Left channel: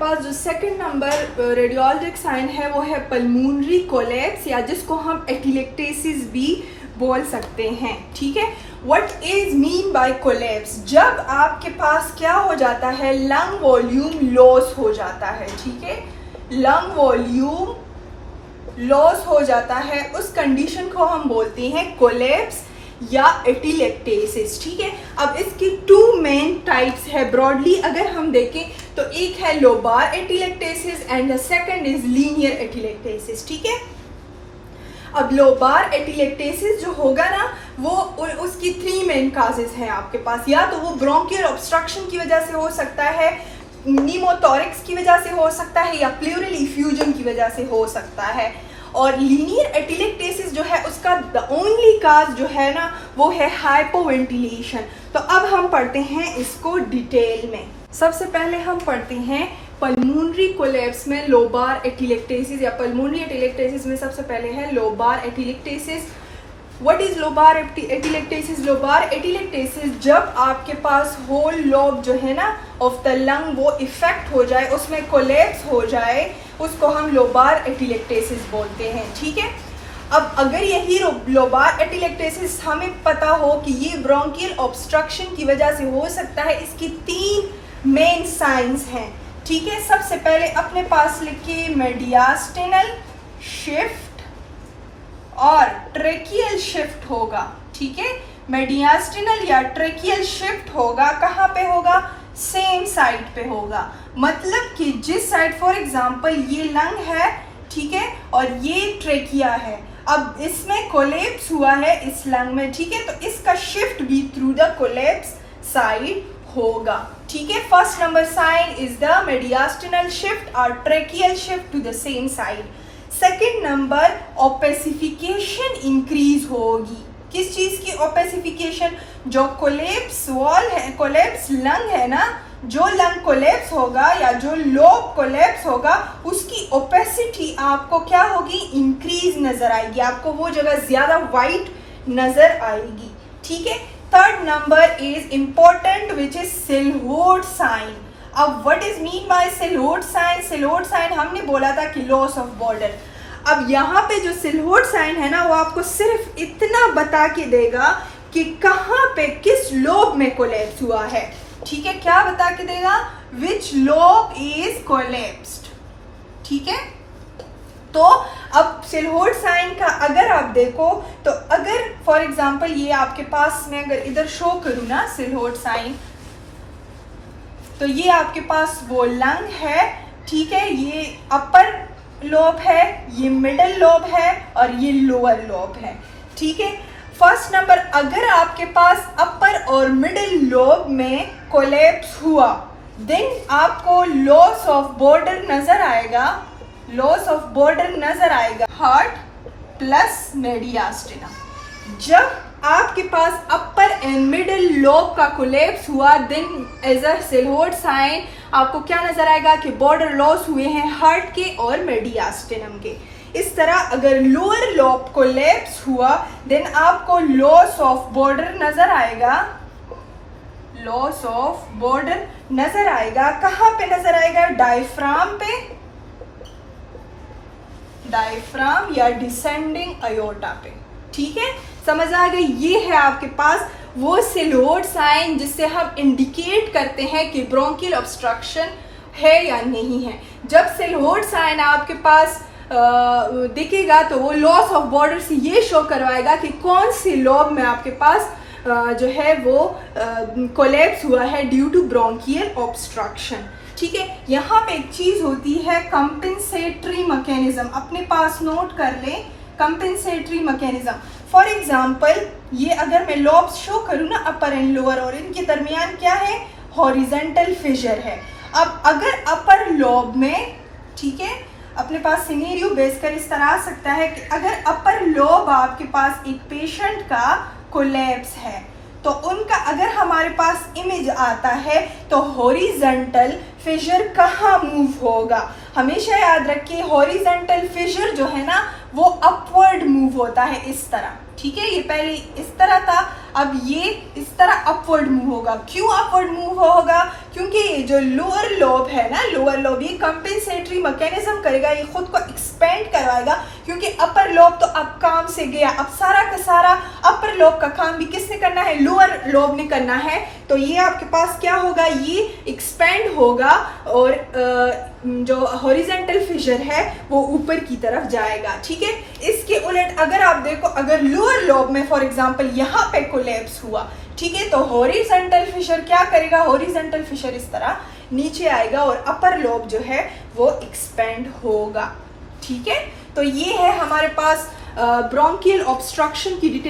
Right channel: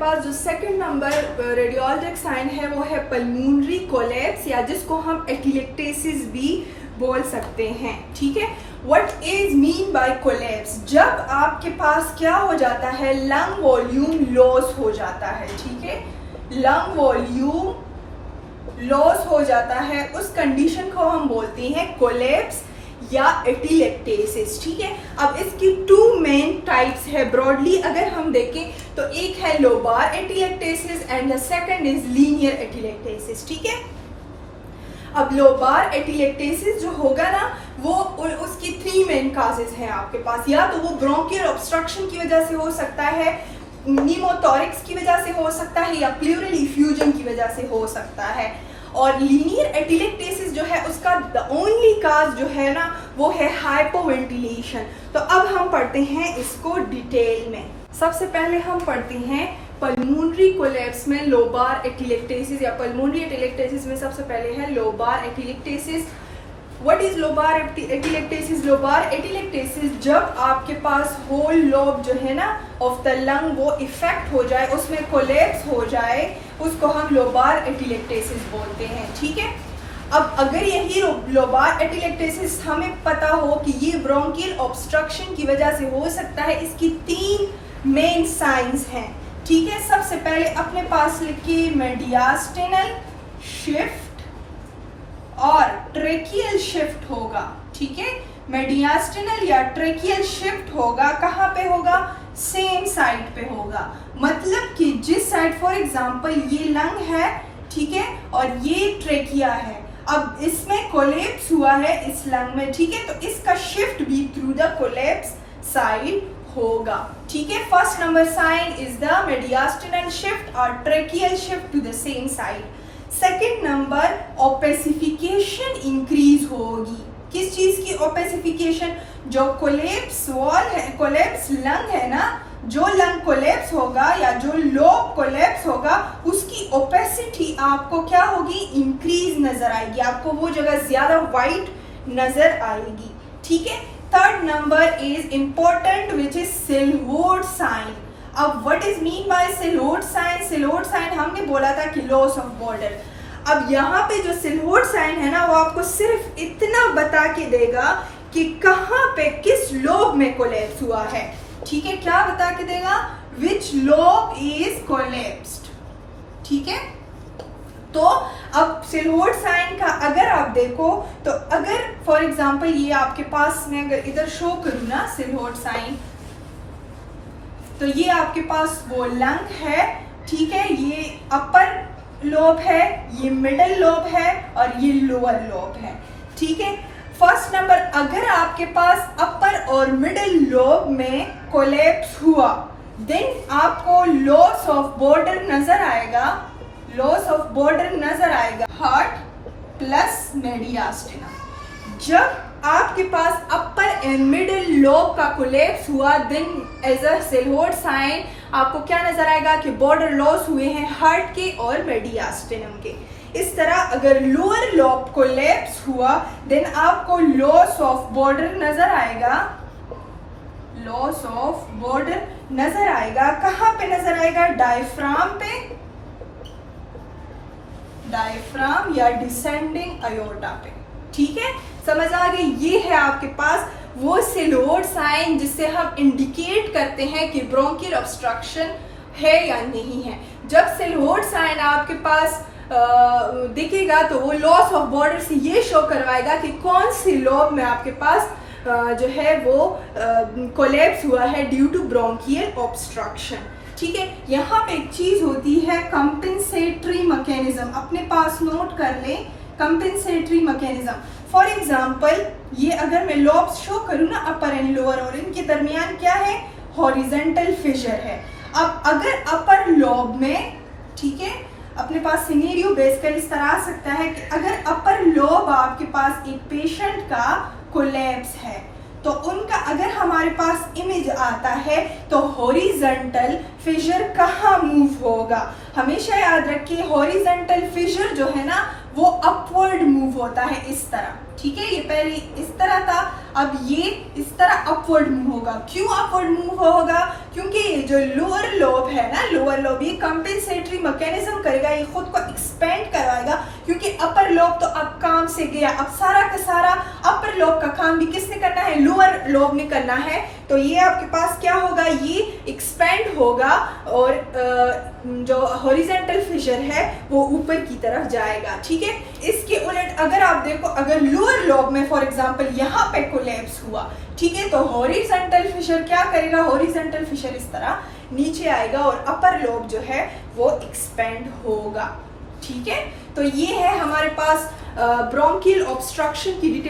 पास जो second number radiologic sign है वो है पल्मोनरी कोलैप्स, या जिसको हम एटिलेक्टेसिस भी बोल सकते हैं। ठीक है, what is mean bye collapse? जब आपके पास क्या हो जाता है, लंग वॉल्यूम लॉस हो जाता है। ठीक है, लंग वॉल्यूम लॉस हो जाता है, उस कंडीशन को हम बोलते हैं कोलैप्स या एटिलेक्टेसिस। ठीक है, अब इसकी टू मेन टाइप्स है ब्रॉडली अगर हम देखें तो, एक है lobar atelectasis and the second is linear atelectasis. ठीक है, अब लोबार एटिलेक्टेसिस जो होगा ना वो उसकी थ्री मेन काजेस हैं आपके पास, या तो वो ब्रोंकियल ऑब्स्ट्रक्शन की वजह से हो सकता है, नीमोथोरिक्स की वजह से हो सकता है, या प्लूरल इफ्यूजन की वजह से हो सकता है। और लीनियर एटिलेक्टेसिस जो है उसका द ओनली काज जो है ना वो है हाइपोवेंटिलेशन। तो अब हम पढ़ते हैं इसको डिटेल में। सबसे पहले हम पढ़ते हैं पल्मोनरी कोलैप्स में लोबार एटिलेक्टेसिस, या पल्मोनरी एटिलेक्टेसिस में सबसे पहले है lobar atelectasis. What is lobar atelectasis? Lobar atelectasis जब आपके पास होल लोब जो है ना ऑफ द लंग वो इफेक्ट हो जाए, उसमें कोलैप्स हो जाए, उसको हम लोबार एटिलेक्टेसिस बोलते हैं। ठीक है, अब अगर यही लोबार एटिलेक्टेसिस हमें पता हो कि ये ब्रोंकियल ऑब्स्ट्रक्शन की वजह से हो सकता है, इसकी तीन मेन साइंस हैं। ठीक है, सबसे पहले अपने पास लिखिए मेडियास्टिनल शिफ्ट और ट्रेकियल शिफ्ट होगा। ठीक है, मेडियास्टिनल या ट्रेकियल शिफ्ट होगा, कहाँ पे होगा? सेम साइड पे होगा। मतलब कि जिस साइड, फॉर एग्जांपल ये लंग है, ठीक है, और ये ट्रेकिया है, अब इसमें कोलैप्स हुआ है इस लंग में। ठीक है, तो इसका शिफ्ट भी थ्रू द कोलैप्स साइड होगा। ठीक है, first number sign is the mediastinal shift और tracheal shift to the same side. Second number opacification increase होगी। किस चीज की ओपेसिफिकेशन? जो कोलैप्स वॉल है, कोलैप्स लंग है ना, जो लंग कोलैप्स होगा या जो लोब कोलैप्स होगा उसकी ओपेसिटी आपको क्या होगी? इंक्रीज नजर आएगी, आपको वो जगह ज्यादा वाइट नजर आएगी। ठीक है, third number is important which is silhouette sign. अब what is mean by silhouette sign? Silhouette sign हमने बोला था कि लॉस ऑफ बॉर्डर। अब यहाँ पे जो सिलहोट साइन है ना वो आपको सिर्फ इतना बता के देगा कि कहाँ पे किस लोब में कोलैप्स हुआ है। ठीक है, क्या बता के देगा? Which lobe is collapsed. ठीक है, तो अब सिलहोट साइन का अगर आप देखो तो, अगर फॉर एग्जांपल ये आपके पास में अगर इधर शो करूँ ना सिलहोट साइन, तो ये आपके पास वो लंग है। ठीक है, ये अपर लोब है, ये मिडल लोब है और ये लोअर लोब है। ठीक है, फर्स्ट नंबर अगर आपके पास अपर और मिडिल लोब में कोलैप्स हुआ, देन आपको लॉस ऑफ बॉर्डर नजर आएगा, लॉस ऑफ बॉर्डर नजर आएगा हार्ट प्लस मेडियास्टिनम। जब आपके पास अपर एंड मिडिल लोब का कोलैप्स हुआ, देन एज अ सिलहोट साइन आपको क्या नजर आएगा कि बॉर्डर लॉस हुए हैं हार्ट के और मेडियास्टिनम के। इस तरह अगर लोअर लोब कोलैप्स हुआ, देन आपको लॉस ऑफ बॉर्डर नजर आएगा, लॉस ऑफ बॉर्डर नजर आएगा। कहाँ पे नजर आएगा? डायफ्राम पे, डायफ्राम या डिसेंडिंग अयोर्टा पे। ठीक है, समझ आ गई? ये है आपके पास वो सिलहोट साइन जिससे हम इंडिकेट करते हैं कि ब्रोंकियल ऑब्स्ट्रक्शन है या नहीं है। जब सिलहोट साइन आपके पास दिखेगा तो वो लॉस ऑफ बॉर्डर से ये शो करवाएगा कि कौन सी लोब में आपके पास जो है वो कोलैप्स हुआ है ड्यू टू ब्रोंकियल ऑब्स्ट्रक्शन। ठीक है, यहाँ पे एक चीज होती है कंपेंसेटरी मैकेनिज्म, अपने पास नोट कर लें कंपेंसेटरी मैकेनिज्म। फॉर एग्जाम्पल ये अगर मैं लॉब्स शो करूँ ना अपर एंड लोअर, और इनके दरमियान क्या है? हॉरिजेंटल फिशर है। अब अगर अपर लॉब में, ठीक है, अपने पास सिनेरियो बेसकर इस तरह आ सकता है कि अगर अपर लॉब आपके पास एक पेशेंट का कोलैप्स है, तो उनका अगर हमारे पास इमेज आता है तो हॉरिजेंटल फिशर कहाँ मूव होगा? हमेशा याद रखिए हॉरिजेंटल फिशर जो है ना वो अपवर्ड मूव होता है इस तरह। ठीक है, ये पहले इस तरह था, अब ये इस तरह अपवर्ड मूव होगा। क्यों अपवर्ड मूव होगा? क्योंकि ये जो लोअर लोब है ना, लोअर लोब ये कंपेंसेटरी मैकेनिज्म करेगा, ये खुद को एक्सपेंड करवाएगा, क्योंकि अपर लोब तो अब काम से गया। अब सारा का सारा अपर लोब का काम भी किसने करना है? लोअर लोब ने करना है। तो ये आपके पास क्या होगा? ये एक्सपेंड होगा और जो हॉरिजॉन्टल फिशर है वो ऊपर की तरफ जाएगा। ठीक है, इसके उलट अगर आप देखो, अगर लोअर लोब में फॉर एग्जांपल यहाँ पे कोलैप्स हुआ, ठीक है, तो हॉरिजॉन्टल फिशर क्या करेगा? हॉरिजॉन्टल फिशर इस तरह नीचे आएगा और अपर लोब जो है वो एक्सपेंड होगा। ठीक है, तो ये है हमारे पास ब्रोंकियल ऑब्स्ट्रक्शन की डिटेल।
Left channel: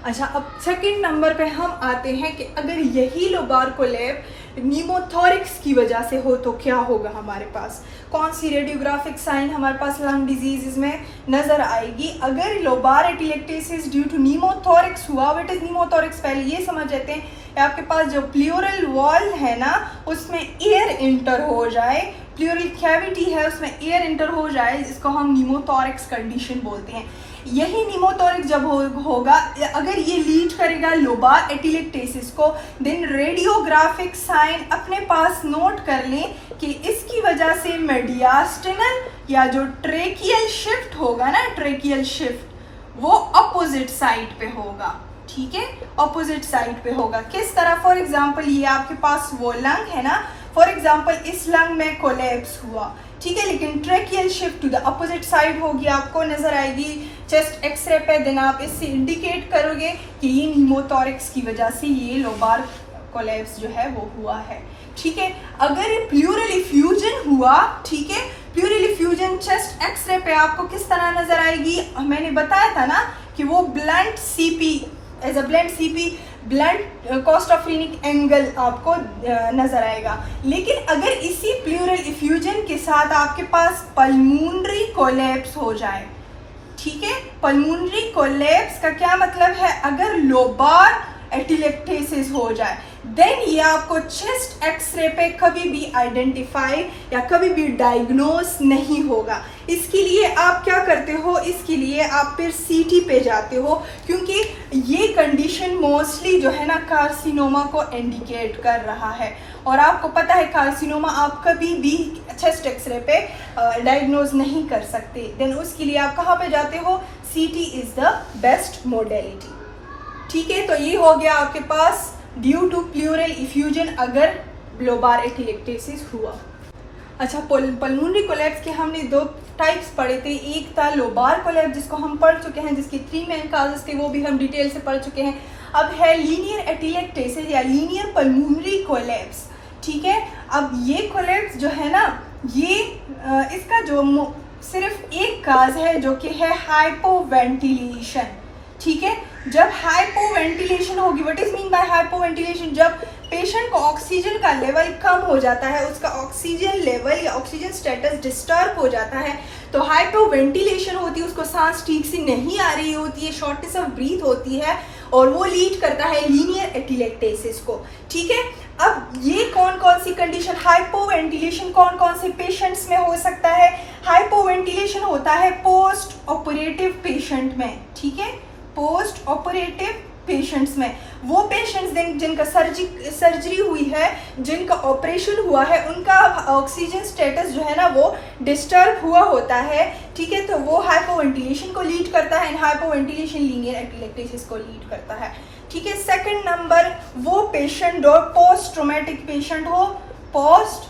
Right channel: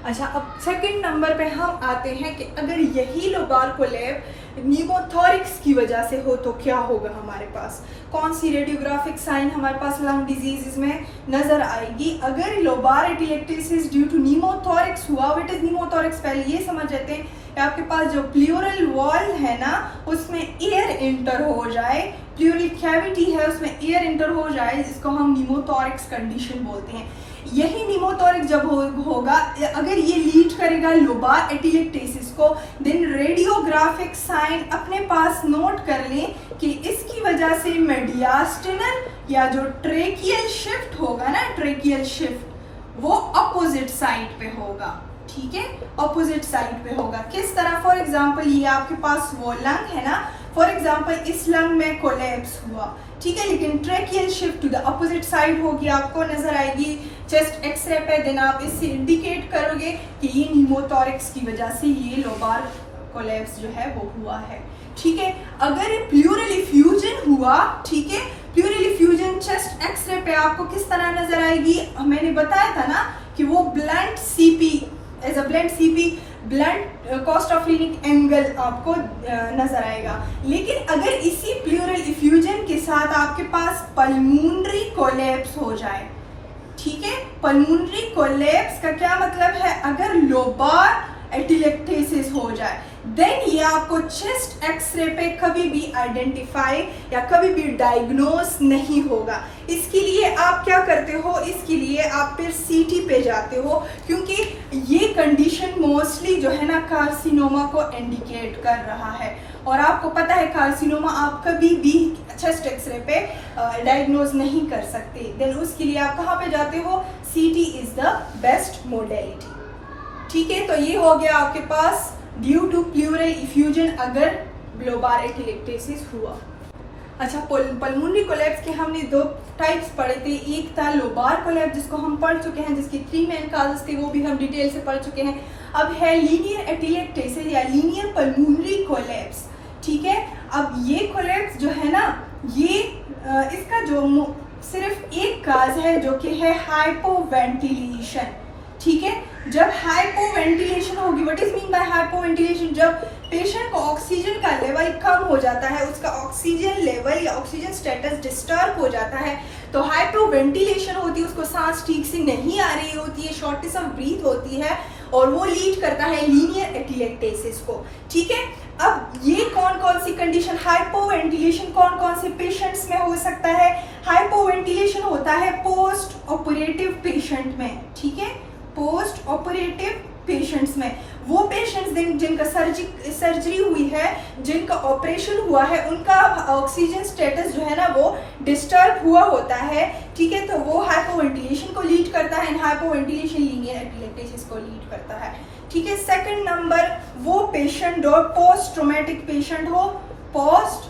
अच्छा, अब सेकंड नंबर पे हम आते हैं कि अगर यही लोबार कोलैप्स न्यूमोथोरिक्स की वजह से हो तो क्या होगा हमारे पास? कौन सी रेडियोग्राफिक साइन हमारे पास लंग डिजीज में नजर आएगी? अगर लोबार एटिलेक्टेसिस ड्यू टू न्यूमोथोरिक्स हुआ, व्हाट इज न्यूमोथोरिक्स? पहले ये समझ लेते हैं। आपके पास जो प्लूरल वॉल है ना, उसमें एयर इंटर हो जाए, प्लूरल कैविटी है उसमें एयर इंटर हो जाए, जिसको हम न्यूमोथोरिक्स कंडीशन बोलते हैं। यही न्यूमोथोरिक्स जब होगा, अगर ये लीड करेगा लोबार एटिलेक्टेसिस को, देन रेडियोग्राफिक साइन अपने पास नोट कर लें कि इसकी वजह से मेडियास्टिनल या जो ट्रेकियल शिफ्ट होगा ना, ट्रेकियल शिफ्ट वो अपोजिट साइड पे होगा। ठीक है, अपोजिट साइड पे होगा। किस तरह? फॉर एग्जाम्पल ये आपके पास वो लंग है ना, फॉर एग्जाम्पल इस लंग में कोलैप्स हुआ, ठीक है, लेकिन tracheal shift to the opposite side होगी, आपको नजर आएगी चेस्ट एक्सरे पे। देन आप इससे इंडिकेट करोगे कि ये न्यूमोथोरिक्स की वजह से ये लोबार कोलैप्स जो है वो हुआ है। ठीक है, अगर प्लूरल इफ्यूजन हुआ, ठीक है, प्लूरल इफ्यूजन चेस्ट एक्सरे पे आपको किस तरह नजर आएगी? मैंने बताया था ना कि वो blunt CP, as a blunt CP, blunt costophrenic angle आपको नजर आएगा। लेकिन अगर इसी प्लूरल इफ्यूजन के साथ आपके पास पल्मोनरी कोलैप्स हो जाए, ठीक है, पल्मोनरी कोलैप्स का क्या मतलब है? अगर लोबार एटिलेक्टेसिस हो जाए, देन ये आपको चेस्ट एक्सरे पे कभी भी आइडेंटिफाई या कभी भी डायग्नोस नहीं होगा। इसके लिए आप क्या करते हो? इसके लिए आप फिर सीटी पे जाते हो, क्योंकि ये कंडीशन मोस्टली जो है ना कार्सिनोमा को इंडिकेट कर रहा है। और आपको पता है कार्सिनोमा आप कभी भी चेस्ट एक्सरे पे डायग्नोज नहीं कर सकते। देन उसके लिए आप कहाँ पे जाते हो? सीटी इज द बेस्ट मोडेलिटी। ठीक है, तो ये हो गया आपके पास ड्यू टू प्लूरल इफ्यूजन अगर लोबार एटिलेक्टेसिस हुआ। अच्छा, पल्मोनरी कोलैप्स के हमने दो टाइप्स पढ़े थे। एक था लोबार कोलैप्स जिसको हम पढ़ चुके हैं, जिसके 3 मेन काजेस थे, वो भी हम डिटेल से पढ़ चुके हैं। अब है लीनियर एटिलेक्टेसिस या लीनियर पल्मोनरी कोलैप्स। ठीक है, अब ये कोलैप्स जो है ना, ये इसका जो सिर्फ एक काज है जो कि है हाइपोवेंटिलेशन। ठीक है, जब हाइपोवेंटिलेशन होगी, what is mean bye hypoventilation? जब पेशेंट को ऑक्सीजन का लेवल कम हो जाता है, उसका ऑक्सीजन लेवल या ऑक्सीजन स्टेटस डिस्टर्ब हो जाता है, तो हाइपोवेंटिलेशन होती है, उसको सांस ठीक से नहीं आ रही होती है, शॉर्टनेस ऑफ ब्रीथ होती है, और वो लीड करता है लीनियर एटिलेक्टेसिस को। ठीक है, अब ये कौन कौन सी कंडीशन, हाइपोवेंटिलेशन कौन कौन से पेशेंट्स में हो सकता है? हाइपोवेंटिलेशन होता है पोस्ट ऑपरेटिव पेशेंट में। ठीक है, पोस्ट ऑपरेटिव पेशेंट्स में, वो पेशेंट्स जिनका सर्जरी हुई है, जिनका ऑपरेशन हुआ है, उनका ऑक्सीजन स्टेटस जो है ना वो डिस्टर्ब हुआ होता है। ठीक है, तो वो हाइपोवेंटिलेशन को लीड करता है, हाइपोवेंटिलेशन लीनियर एटिलेक्टेसिस को लीड करता है। ठीक है, सेकंड नंबर वो पेशेंट जो पोस्ट ट्रोमेटिक पेशेंट हो, पोस्ट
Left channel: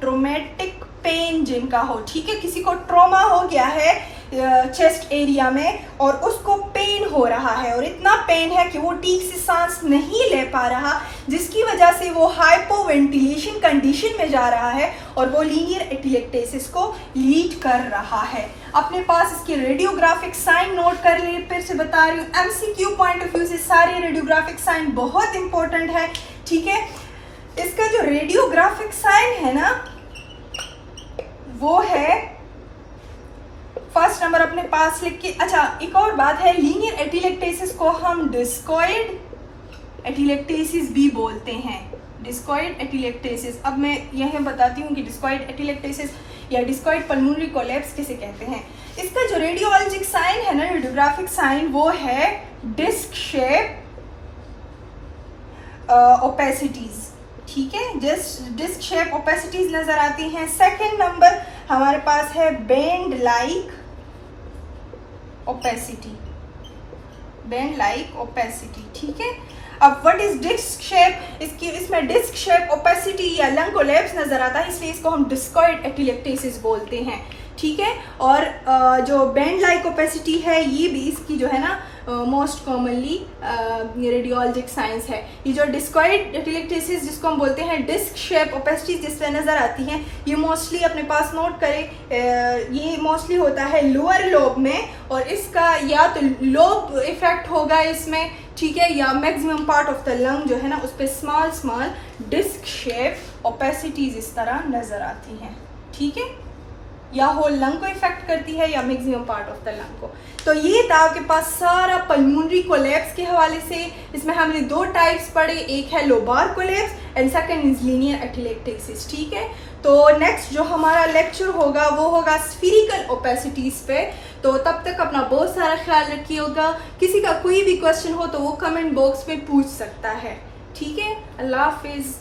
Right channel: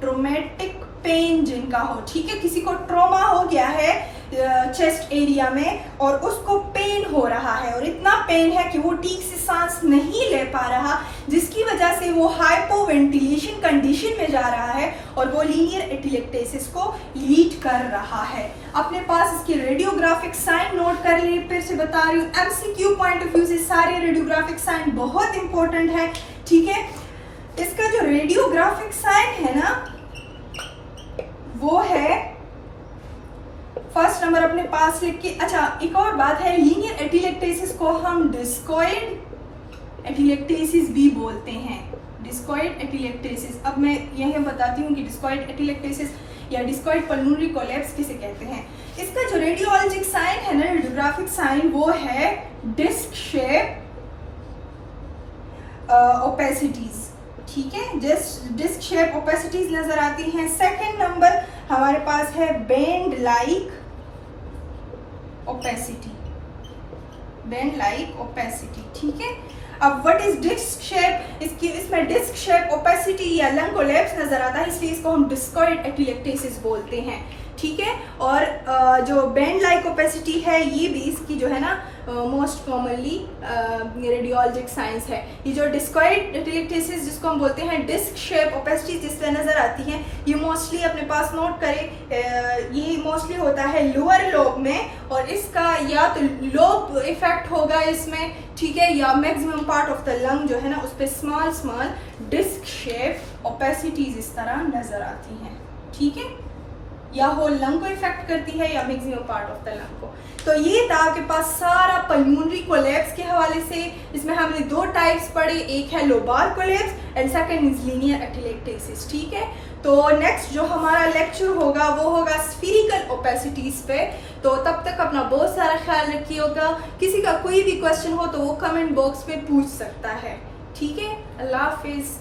ट्रोमेटिक पेन जिनका हो। ठीक है, किसी को ट्रॉमा हो गया है चेस्ट एरिया में और उसको पेन हो रहा है, और इतना पेन है कि वो ठीक से सांस नहीं ले पा रहा, जिसकी वजह से वो हाइपोवेंटिलेशन कंडीशन में जा रहा है और वो लीनियर एटिलेक्टेसिस को लीड कर रहा है। अपने पास इसके रेडियोग्राफिक साइन नोट कर लिए, फिर से बता रही हूँ, एमसीक्यू पॉइंट ऑफ व्यू से सारे रेडियोग्राफिक साइन बहुत इंपॉर्टेंट है। ठीक है, इसका जो रेडियोग्राफिक साइन है ना वो है फर्स्ट नंबर अपने पास लिख के। अच्छा, एक और बात है, लीनियर एटिलेक्टेसिस को हम डिस्कॉइड एटिलेक्टेसिस भी बोलते हैं, डिस्कॉइड एटिलेक्टेसिस। अब मैं यह बताती हूँ कि डिस्कॉइड एटिलेक्टेसिस या डिस्कॉइड पल्मोनरी कोलैप्स किसे कहते हैं। इसका जो रेडियोलॉजिक साइन है ना, रेडियोग्राफिक साइन, वो है डिस्क शेप ओपेसिटीज, ठीक है, डिस्क शेप ओपेसिटीज नजर आती हैं। सेकंड नंबर हमारे पास है bend like opacity, bend like opacity, ठीक है। अब व्हाट इज डिस्क शेप, इसमें डिस्क शेप ओपेसिटी या लंग कोलैप्स नजर आता है, इसलिए इसको हम डिस्कॉइड एपिलेक्टेसिस बोलते हैं, ठीक है। और जो बेंड लाइक ओपेसिटी है ये भी इसकी जो है ना मोस्ट कॉमनली रेडियोलॉजिक साइंस है। ये जो डिस्कॉइड एपिलेक्टेसिस जिसको हम बोलते हैं डिस्क शेप ओपेसिटी जिस पे नज़र आती हैं, ये मोस्टली अपने पास नोट करें, ये मोस्टली होता है लोअर लोब में, और इसका या तो लोब इफेक्ट होगा इसमें, ठीक है, या maximum part of the lung जो है ना उस पर small small disc shape opacities इस तरह नज़र आती हैं, ठीक है, या होल लंग को इफेक्ट करती है या maximum part of the lung को। तो ये था आपके पास सारा पल्मोनरी कोलैप्स के हवाले से। इसमें हमने दो टाइप्स पढ़े, एक है lobar collapse and second is linear atelectasis, ठीक है। तो नेक्स्ट जो हमारा लेक्चर होगा वो होगा स्फीरिकल ओपेसिटीज पे। तो तब तक अपना बहुत सारा ख्याल रखिएगा। किसी का कोई भी क्वेश्चन हो तो वो कमेंट बॉक्स में पूछ सकता है, ठीक है। अल्लाह हाफिज।